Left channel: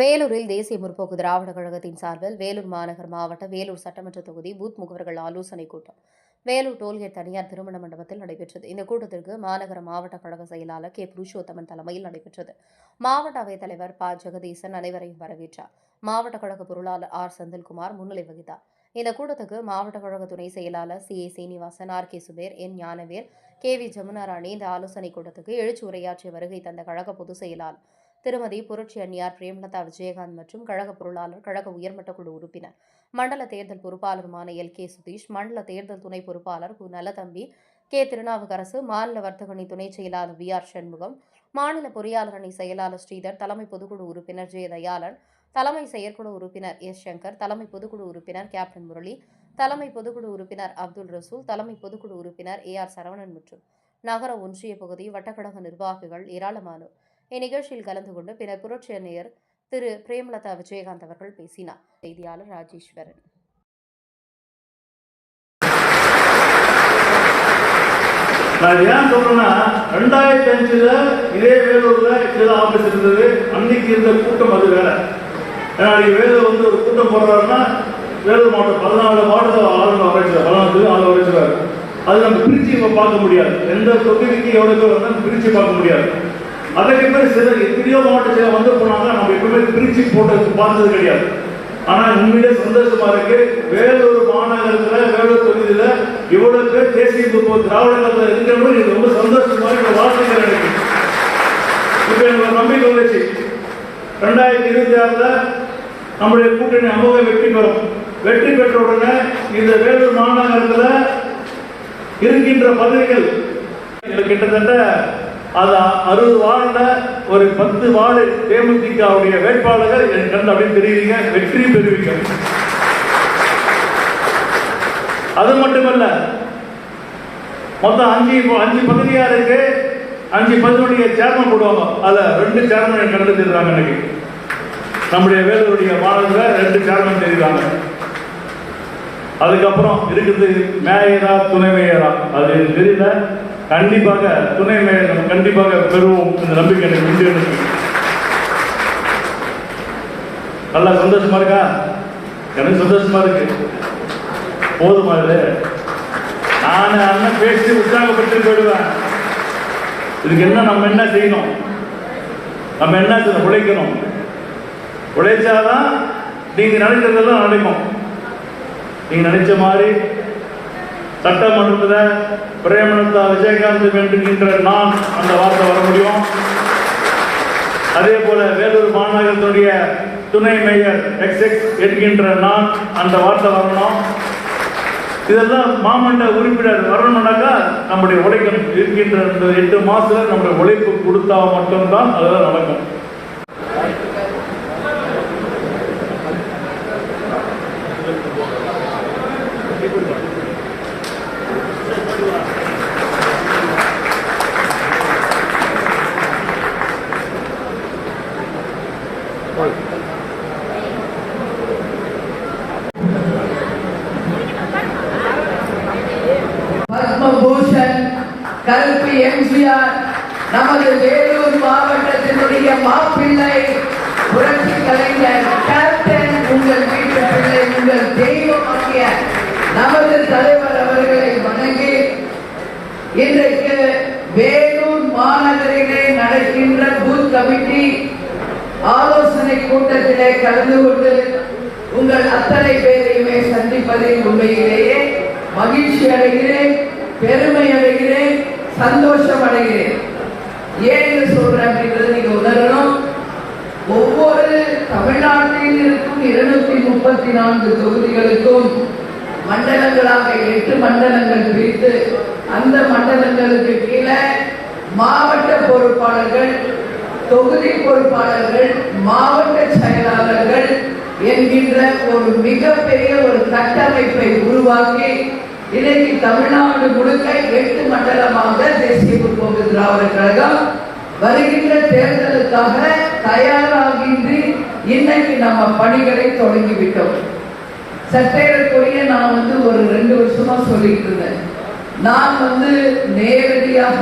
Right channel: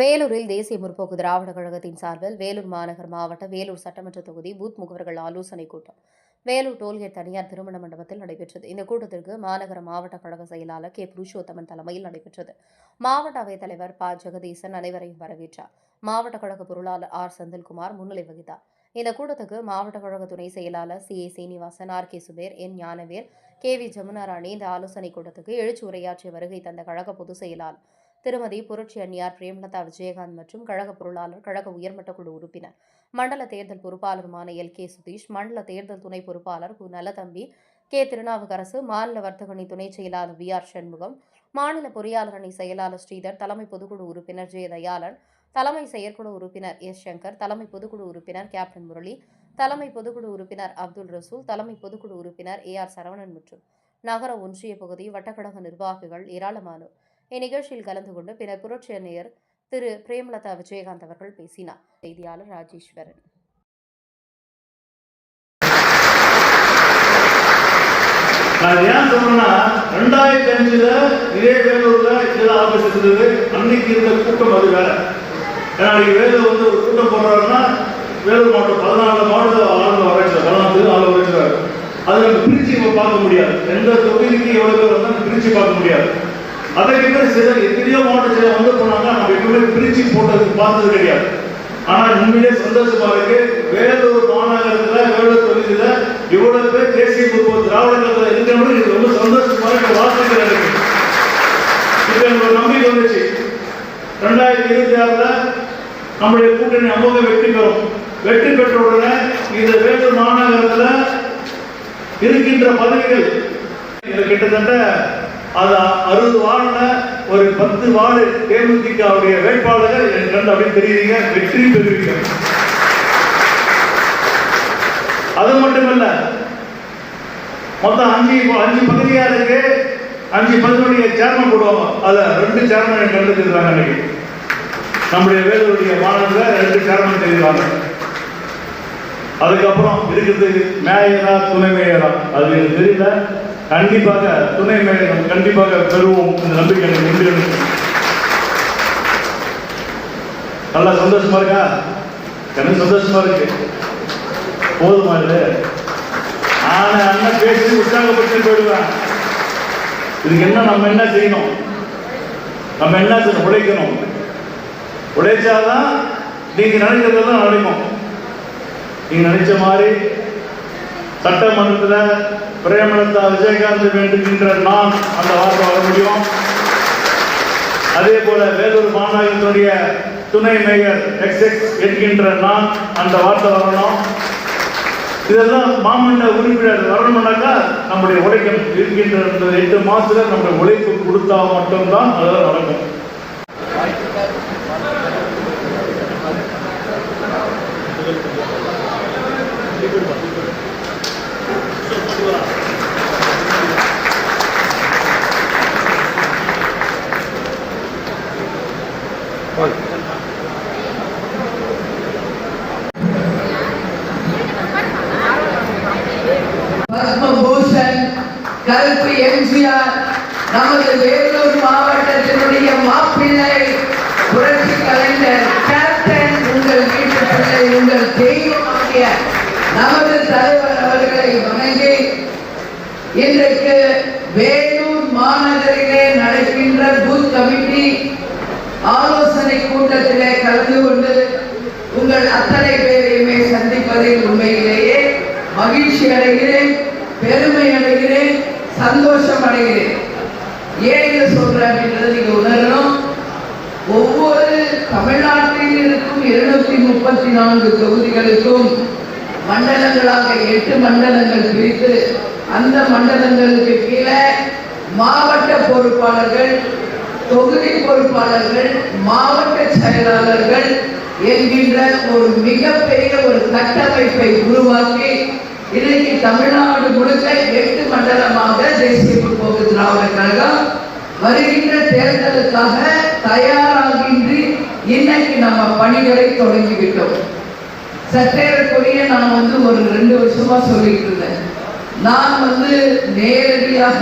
வேலூரில் தேசிய முற்போக்கு திராவிட கழகத்தின் சார்பில் வேலூர் மாநகர் மாவட்ட வேலூர் சட்டமன்ற தொகுதி பூத் முகவர்கள் ஆலோசனைக் கூட்டம் வேலூர் டோல்கேட் தனியார் திருமண மண்டபத்தில் நடைபெற்றது. இந்த கூட்டத்திற்கு மாநகர மாவட்ட கழக செயலாளர் கே புருஷோத்தமன் தலைமையில் நடைபெற்றது. மாவட்ட அவைத் தலைவர் ப ஜெகதீசன் அனைவரையும் வரவேற்றார். மாவட்ட கழக பொருளாளர் ஆர் செந்தில்குமார் முன்னிலை வகித்தார். இந்த கூட்டத்துக்கு மாவட்ட கழக துணை செயலாளர் C A Seenivasan, R K Zuber, N Gnanavel, K V Jamunarani இந்த ஆலோசனைக் கூட்டத்துக்கு எழுச்சி உரையாற்றிய வருகை தந்த கழக பொதுச் செயலாளர் திருமதி புரட்சி அன்னியார் பிரேமலதா விஜயகாந்த் மற்றும் கழக பொருளாளர், கழக உயர்மட்ட குழு உறுப்பினர், மண்டல தேர்தல் பொறுப்பாளருமான எல் கே சுதீஷ், மண்டல தேர்தல் துணை பொறுப்பாளர் கு நலதம்பி, கே திருநாவுக்கரசு, மாநில வர்த்தகணி துணை செயலாளர் வி ஆர் சண்முகம், மாநில பொறியாளர் அணி செயலாளர் ஸ்ரீதர், தலைமை பொதுக்குழு உறுப்பினர் ஜெய தயாளன், தலைமை செயற்குழு உறுப்பினர் எஸ் சங்கர், தலைமை பொதுக்குழு உறுப்பினர் கேப்டன் முரளி, தலைமை பொதுக்குழு உறுப்பினர் அப்துல் ரசூல், தலைமை பொதுக்குழு உறுப்பினர் ஏ ஆர் சரவணன் மற்றும் நகர ஒன்றிய பகுதி வட்டக்கழக நிர்வாகிகள் ஏராளமானோர் இந்நிகழ்ச்சியில் கலந்து கொண்டு பின்னர் புரட்சி அன்னையர் திரு பிரேமலதா விஜயகாந்த் அவர்கள் பேசினார். செய்தியாளர் ராஜேஸ்வரன். நான் ஏன் சொல்றேன்னா 2005 இதே வேலூர்ல இதெல்லாம் ஆபீஸ் இருந்தது. அன்னைக்கு இருந்த கூட்டம் அதுல வேலூர் வந்து ஒரு கூட்டம் போடுறாருன்னா வேலூர் மாவட்டம் 14 மாவட்டத்தில் ஆளுநர் வரைச்சார். அது நம்ம பிரிச்சு பார்க்க முடியாது. எந்த தொகுதிக்கு எவ்வளவு பேர் வந்து பிரிச்சு பார்க்க முடியாது. அதற்கு பேர் சிலர் எத்தனையோ மாவட்டத்தில் வந்து போனாங்க. நம்ம எப்பவுமே பிரிச்சு போட்டதுக்கு பார்த்தது கிடையாது. ஆனால் உண்மையிலே சந்தோஷமா இருக்கு. வேலூர் மாநகரத்தில் வேலூர் தொகுதியில இவ்வளவு பேர் தேசிய முற்போக்கு திராவிடத்தில் இருக்கிறவங்க இது ரொம்ப சந்தோஷமான வார்த்தைகள் இருக்கு. இப்ப எனக்கு ஒரு நம்பிக்கை வந்துச்சு. 2026 நம்முடைய கூட்டணி அமோக வெற்றி பெறும். வெற்றி பெற்ற உடனே இந்த வேலூர் மாநகரத்தில் இருக்கின்ற பதவிகள் கிட்டத்தட்ட அது 60 வார்டுல ஒரு 10 வார்டு தேமுதிகவுடைய வேட்பாளர்கள் எனக்கு அப்படின்னு தெரியுங்க, வெற்றி பெறுவீங்க. அது மட்டுமல்ல, மொத்தம் 5 பகுதியா இருக்கு. 5 பகுதியுடைய சேர்மன் போடுவாங்க. அதுல 2 சேர்மன் கண்டு தெரிஞ்சாங்க. இன்னைக்கு நம்முடைய வேலூருடைய மாநிலத்தில் 2 சேர்மன் தெரிஞ்சாங்க. அதுக்கப்புறம் இருக்குது மேயரா துணை மேயரா, அது எனக்கு தெரியல. கண்டிப்பாக துணை மேயர் கண்டிப்பாக பெறுவோம். இந்த நம்பிக்கை உண்டு. நல்லா சந்தோஷமா இருக்கா? எனக்கு சந்தோஷமா இருக்கு. போதுமா? இது நான் அண்ணன் பேசி உற்சாகப்பட்டு போயிடுவேன். இதுக்கு என்ன நம்ம என்ன செய்யணும்? நம்ம என்ன செய்யணும்? உழைக்கணும். உழைச்சாதான் நீங்க நினைக்கிறதெல்லாம் நடக்கும். நீங்க நினைச்ச மாதிரி சட்டமன்றத்தில் பிரேமலதா விஜயகாந்த் வேண்டுகின்ற நான் அந்த வார்த்தை வர முடியும். அதே போல வேலூர் மாநகரத்துடைய துணை மேயர் XX என்கின்ற நான் அந்த வார்த்தை வரணும். இதெல்லாம் மாமன்ற உறுப்பினர் வரணும்னாக்கா நம்முடைய உழைக்கணும். இருக்கின்ற 8 மாசத்துல நம்முடைய உழைப்பு கொடுத்தா மட்டும்தான் அதெல்லாம் நடக்கும். பத்மபூஷன் கல்வி எம்ஜிஆர் நமது வேலூர் மாவட்டத்தினுடைய மாப்பிள்ளை புரட்சி கலைஞர் கேப்டன், உங்கள் வீட்டு பிள்ளை, உங்கள் தெய்வமாகிய நமது தலைவர் அவர்களை வணங்கி இன்றைக்கு வேலூர் மாநகரிலே நடக்கின்ற பூத் கமிட்டி ஆலோசனை கூட்டத்திலே கலந்து கொண்டு உங்கள் அத்தனை பேரையுமே சந்திப்பதில் உண்மையிலேயே மகிழ்ச்சி அடைகிறேன், பெருமை அடைகிறேன், சந்தோஷம் அடைகிறேன். ஏன்னு சொல்றேன் என்றது நீங்க உணரணும். ஒவ்வொரு தமிழ்நாட்டில் இருக்கும் 234 தொகுதிகளுக்கும் மண்டலங்களாக 8 மண்டலங்கள் பிரித்து அந்த மண்டலங்களுக்கு கீழே மாவட்ட பொறுப்பாளர்கள், தொகுதி பொறுப்பாளர்கள், மாவட்ட செயலாளர்கள் என்கின்ற ஒரு மிகப்பெரிய ஒரு கட்டமைப்பை உருவாக்கி இன்னைக்கு தமிழ்நாடு முழுக்க 8 மண்டலமாக தேசிய முற்போக்கு திராவிட கழகம் வருகின்ற தேர்தலுக்காக தயாராகின்றி இன்னைக்கு நம்ம பணிகளை தொடங்கிவிட்டோம். சற்றேறக்குரிய நான் ஒரு 2 வருஷமா சொல்லிட்டு இருந்தேன். நான் நேரடியாக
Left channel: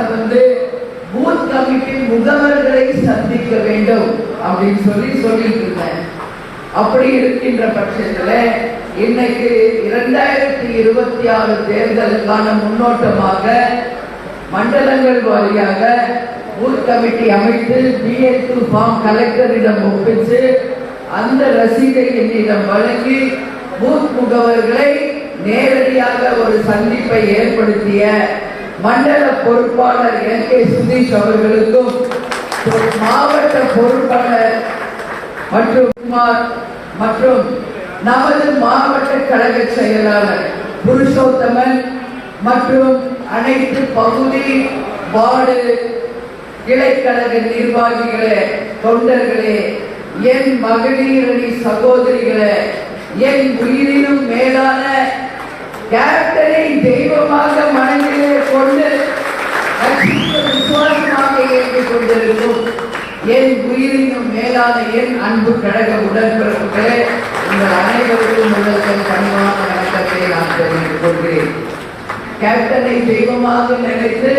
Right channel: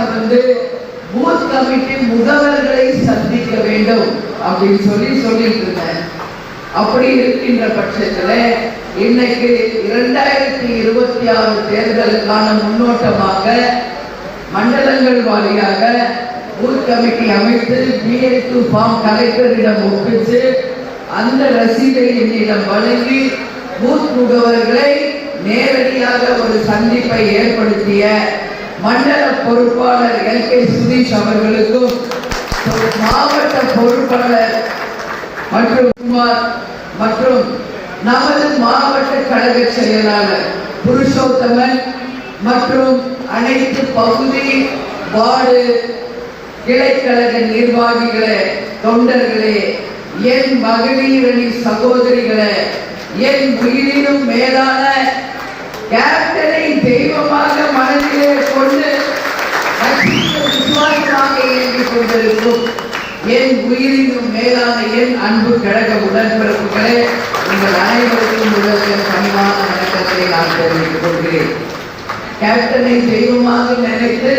பூத் கமிட்டி முகவர்களை சந்திக்க வேண்டும் அப்படின்னு சொல்லிட்டு இருந்தேன். அப்படி இருக்கின்ற பட்சத்தில் இன்னைக்கு 2026 தேர்தலுக்கான முன்னோட்டமாக மண்டலங்கள் வாரியாக பூத் கமிட்டி அமைத்து BA2 ஃபார்ம் கலெக்டரிடம் ஒப்பிச்சு அந்த ரசீதை என்னிடம் வழங்கி பூத் முகவர்களை நேரடியாக ஒரு சந்திப்பை ஏற்படுத்திய மண்டல பொறுப்பாளர் LK சுதீஷ் அவர்களுக்கும் மாவட்ட பொறுப்பாளர் மற்றும் குமார் மற்றும் நமது மாவட்ட கழக செயலாளர் புருஷோத்தமன் மற்றும் அனைத்து பகுதி வார்டு கிளைக்கழக நிர்வாகிகளே, தொண்டர்களே, என் மகளிரணி சகோதரிகளே, என் உயிரினும் மேலான கேப்டனை தெய்வமாக மனதிலே கொண்டு விசுவாசமாக இயங்கிக் கொண்டிருக்கும் என் உயிரினும் மேலான என் அன்பு கழக உடன்பிறப்புகளே, உங்கள் அனைவருக்கும் முதல்வர் பணிவான வணக்கத்தை நான் தெரிவித்துக் கொள்கிறேன். கேப்டனை தெய்வமாக நினைத்து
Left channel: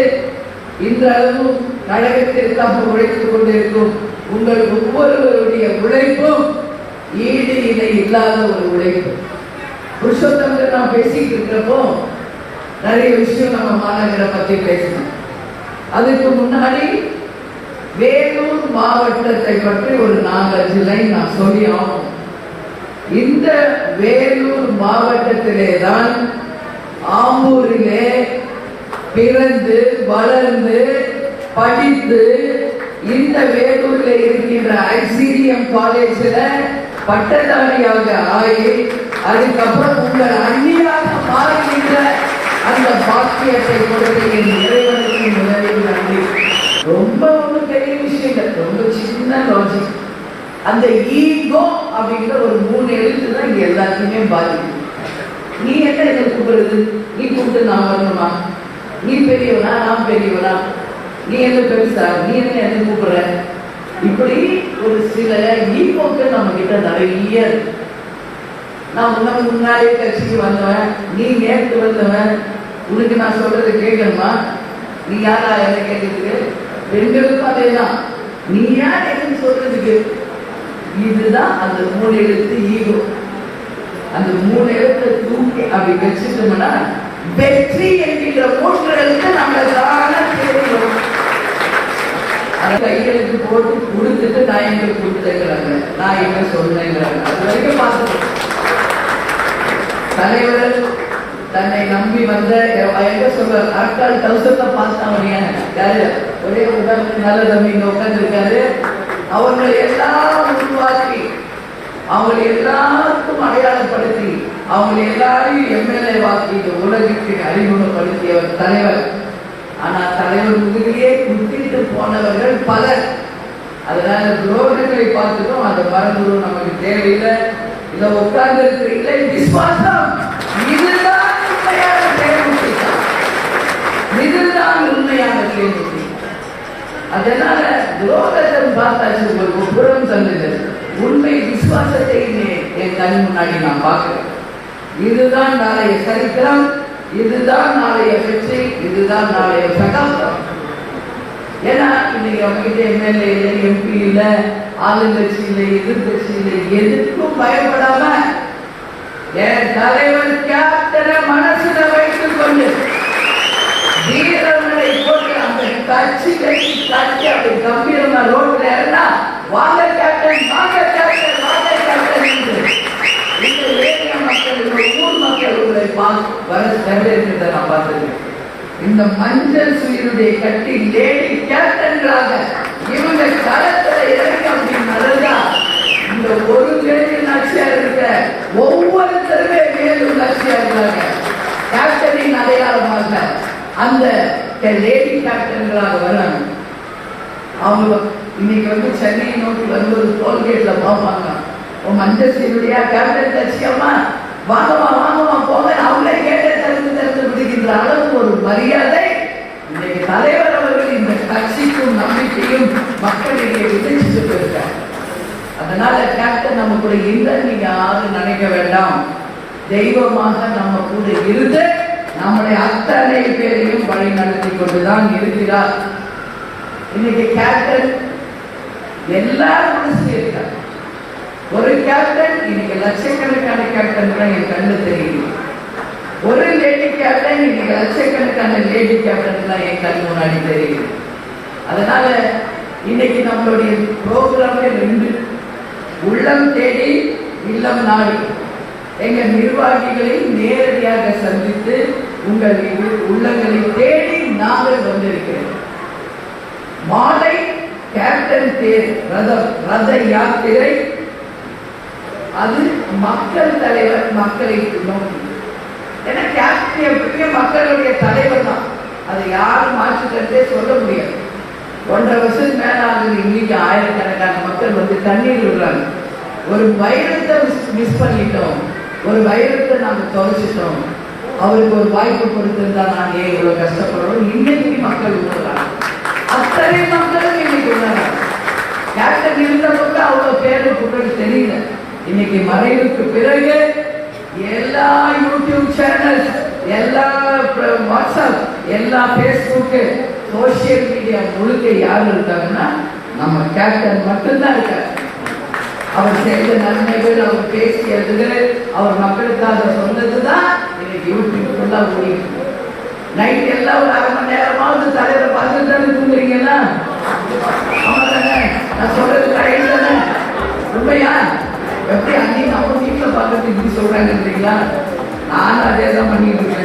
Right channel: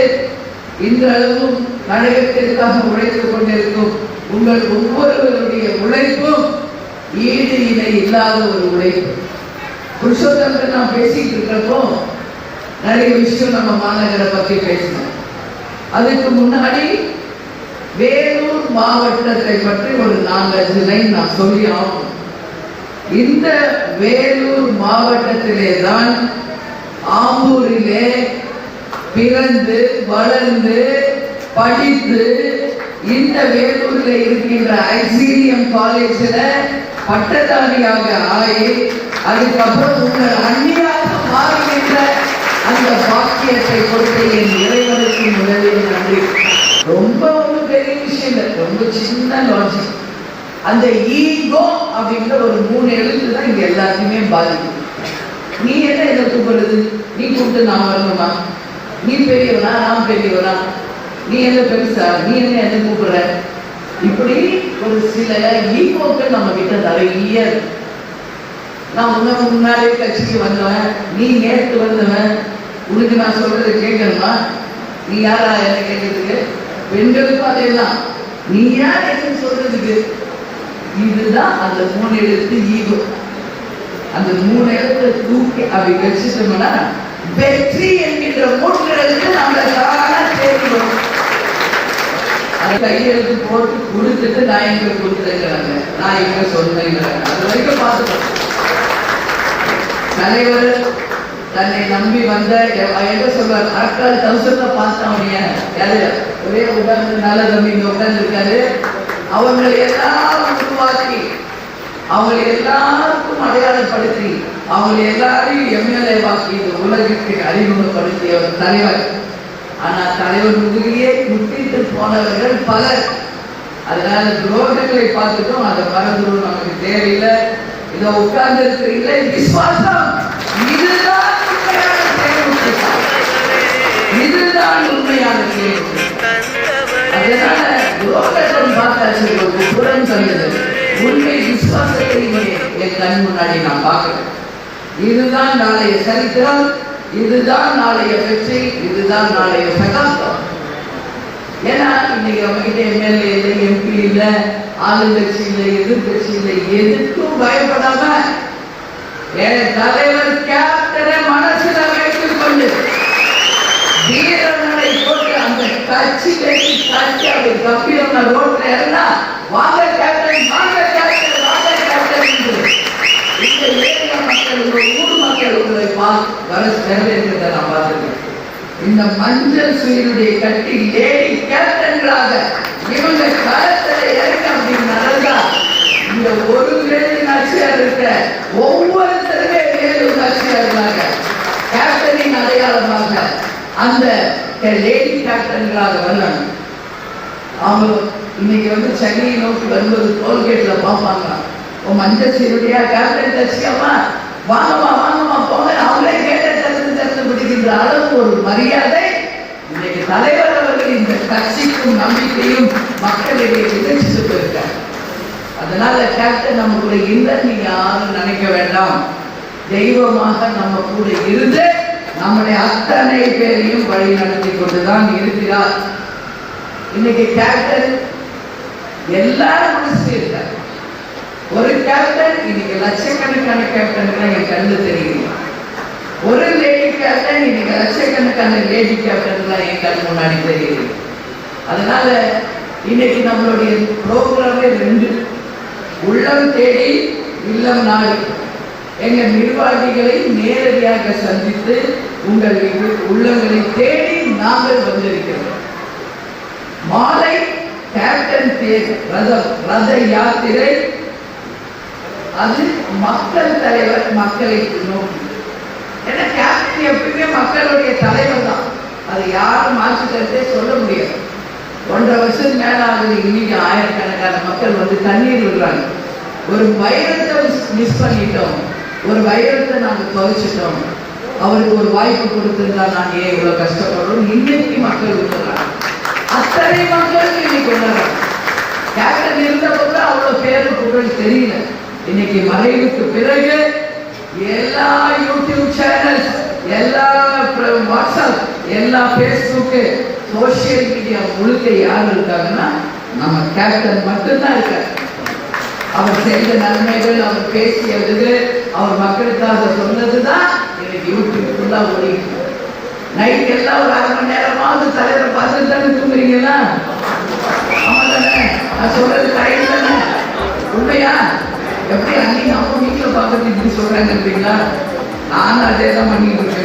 இன்றளவும் கழகத்திற்காக உழைத்துக் கொண்டிருக்கும் உங்கள் ஒவ்வொருவருடைய உழைப்பும் ஈடு இணை இல்லாத ஒரு உழைப்பு. புருஷோத்தமன் நாம் பேசிட்டு இருக்கிறப்போ நிறைய விஷயம் நம்ம மாநகரை பற்றி பேசினோம். அதுக்கு முன்னாடி வேலூர் மாவட்டத்தை பற்றி ஒரு 4-5 லைன் நான் சொல்லி ஆகும். இந்த வேலூர் மாவட்டத்திலே தான் ஆம்பூரிலே பிறந்து வளர்ந்து படித்து இந்த வேலூர்ல இருக்கின்ற ஐசிடிஎம் காலேஜில் பட்டதாரியாக ஆகி அதுக்கப்புறம் உங்கள் அந்நியாக மாறுகின்ற அந்த பாக்கியத்தை கொடுத்து என் இறைவனுக்கு முதலில் நன்றி. ரொம்ப ஒன்றும் பெரிய விஷயம், ரொம்ப சின்ன லாஜிக். அந்த ஈகோ அப்படிங்கிற ஒரு 3 எழுத்து தான் இங்க எல்லாத்தையுமே பாதிக்கும். நீ என்ன என்ன கூப்பிடுறது? நீ கூப்பிட்டு நான் வரணுமா? நீ பெரியவனா நான் பெரியவனா? நீ என்ன பெருசா? நீ என்ன கூப்பிடுற? இப்படி ஒரு சில ஈகோக்கள் நம்ம கிட்ட நிறைய. நான் முன்னாடியே கட்சிக்கு வந்தவன், நீ நேற்று வந்தவன், உனக்கு நான் சொல்றது கேட்கணுமா? நீ யாரா என்ன கேட்கறதுக்கு? பெண்களுக்கும் அதே தான். நீ யார் என்ன சொல்றதுக்கு? இதுதான் அந்த 3 எழுத்து ஈகோ. அந்த 3 எழுத்தை தூக்கி அப்படி வச்சுட்டோம்னா வெற்றி என்கின்ற 3 எழுத்து நம்ம தானா சேர்க்கிறோம். அதை கையெழுத்து போட்டு கொடுத்துட்டு நான் எங்க கொடுத்தேங்கிறாங்க, நான் எங்க சொன்னேங்கிறாங்க. அது வரைக்கும் பார்த்துட்டோம். தலைவர் தன்னை நம்பி வந்த எங்க சொல்ற நாட்கள் 1000 பார்த்தான். யாரு ஒரே உட்கார்ந்து நல்ல தம்பி இங்க உட்கார்ந்து இருக்காரு. அவங்களை எல்லாம் உருவாக்கி அவங்களை எல்லாருக்கும் அடையாளப்படுத்தி அவங்களை எல்லாரையும் எம்எல்ஏ வாக்கி இந்த உலகிற்கு அறிமுகப்படுத்திய ஒரு தலைவர். ஆனா தலைவர் முதுகிலே குத்திட்டு போனவர்கள் பலர். அதனால துரோகங்களை பார்த்துட்டோம், அதை மறந்துடும், நமக்கு தேவையில்லை. இதை உட்கார்ந்து இருக்கிறீங்களே விசுவாசம், இதுதான் உண்மையான தேர்வு, இதுதான் உண்மையான தேர்வு. அதனால துரோகத்தை பார்த்தாச்சு, ஒரு புறம் சொல்லுது. உண்மை விசுவாசத்தை என் கண் முன்னாடி நான் பார்க்கிறேன். இதுதான் நாளைய சரித்திரம், இதுதான் நாளைய வெற்றி, இதுதான் நாளைய சகாப்தம். ஏன்னா இன்னைக்கு அவங்ககிட்ட எம்எல்ஏ இல்லை, MP இல்லை, ஆளுங்கட்சி இல்லை, எதிர்கட்சி இல்லை, எதுக்கும் பயப்படாம என் தலைவர் கேப்டனை மனசுல வைத்துக் கொண்டு வீரர்களை கொண்டு அந்த கட்சி கட்சி கட்சி அப்படி கம்பீரமா ரோட்ல இருந்தா வாங்க கேப்டன், வாங்க கேப்டன், வாங்க கேப்டன் என்று இந்த ஏரியா மக்கள், இந்த ஊர் மக்கள் வர வரவேற்கிறத நான் பார்த்துருக்கேன். இந்த மஞ்சள் சுயருடைய கட்டி லேடி கேப்டன்களாக இவங்க களத்துல இறங்க அப்படின்னு நடந்தா இந்த ஒரு வேலூர் ஆட்சியார் இருக்க ஒவ்வொருத்தருமே வேலூர் ஆட்சியார் இருந்தாங்க. கேப்டனின் அடையாளமாக அந்த லேடி கேப்டன்களாக வரலாம். அவங்க இன்னைக்கு சென்னையை நோக்கி வரும்போது டோல்கேட்ல பார்ப்பாங்க, உன் மஞ்சள் சுயருடைய கேப்டன் கட்சியம்மா வாங்கம்மா வாங்கம்மா போங்க, அவங்களே கேட்டு பிடிக்கின்ற அளவுக்கு ஒரு மரியாதை இன்றைக்கு தலைவர் அவர்கள் இந்த கட்சிக்கும் நம்பிக்கையும் மக்களிடையே விதைச்சிட்டு போயிருக்காங்க. அதனால கேப்டன் நம்ம கூட இல்லை நீங்க யாரும் நினைக்க வேண்டாம். தெய்வமாக நம்ம கூட இருந்து நம்முடைய அத்தனை பேரையும் வழி நடத்தி கொண்டுதான் இருக்கிறார். இன்னைக்கு கேப்டன் எல்லாரும் மனசுல இருக்காங்க. ஒரு கேப்டன் இன்னைக்கு லட்சக்கணக்கான கேப்டன்களை என் கண்ணு தெரியுது. ஒரு லேடி கேப்டன் இன்னைக்கு லட்சக்கணக்கான லேடி கேப்டன்லாம் என் கண் முன்னாடி தெரியுது. அதனால இன்னைக்கு நம்மளுடைய ப்ரோக்ராமே 2, உள்ளம் தேடி இல்லம் நாடி. எங்க நிர்வாகிகளை நேரடியாக சந்தித்து உங்கள் உள்ளங்களை தேடி நாங்கள் வந்திருக்கிறோம். மாலை கேப்டன் தேர் ரத யாத்திரை, அது மக்கள் தலைவர் மக்களை நோக்கி. ஏன்னா கேப்டன் எப்பவுமே மக்களுடைய தலைவர் தான், அதை யாரும் மாற்றிக்கிறதே சொல்ல முடியாது. 1.5 வருஷம் மேல ஆகுது, இன்னைக்கு ஆயிரக்கணக்கான மக்கள் வந்து கண்ணீர் விடுறாங்க. ஒரு வைரத்தை மிஸ் பண்ணிட்டோம், ஒரு வைரத்தை நாங்கள் தொலைச்சிட்டோம், அவருக்கு ஒரு வாய்ப்பு கொடுத்திருந்தா நாங்கள் ஏன் இவ்வளவு கஷ்டப்படுறோம். இன்னைக்கு மக்கள் விடுறாங்க, அத்தனை மக்களும் இன்னைக்கு உணர்றாங்க. கேப்டன் இருந்தது கூட அவ்வளவு பேரு புகழ் தெரியல. இன்னைக்கு மறைவுக்கு பிறகு எல்லா யூடியூப் சேனல்ஸ், எல்லா வாட்ஸ்அப், எல்லா பேஸ்புக்கு, சோசியல் மீடியா முழுக்க யார் இருக்காங்கன்னா நம்ம கேப்டன் மட்டும்தான் இருக்காரு. அவர் செய்த நன்மைகள், அவர் பேசியது, அவர் மக்களுக்காக சொன்னதுதான் இன்னைக்கு யூடியூப் ஃபுல்லா ஓடிட்டு. நைட் எல்லாம் ஒரு 1/2 மணி நேரமாவது தலைவரை பார்த்துட்டு தானே தூங்குறீங்களா? ஆமா தானே? நான் சொல்றது ரைட் தானே? உண்மையா? எப்படி அன்னைக்கு நம்ம வீட்டில் பார்க்கறது இப்படி சொல்றாங்கன்றீங்களா? நானும் அதே தான் பண்ணிட்டு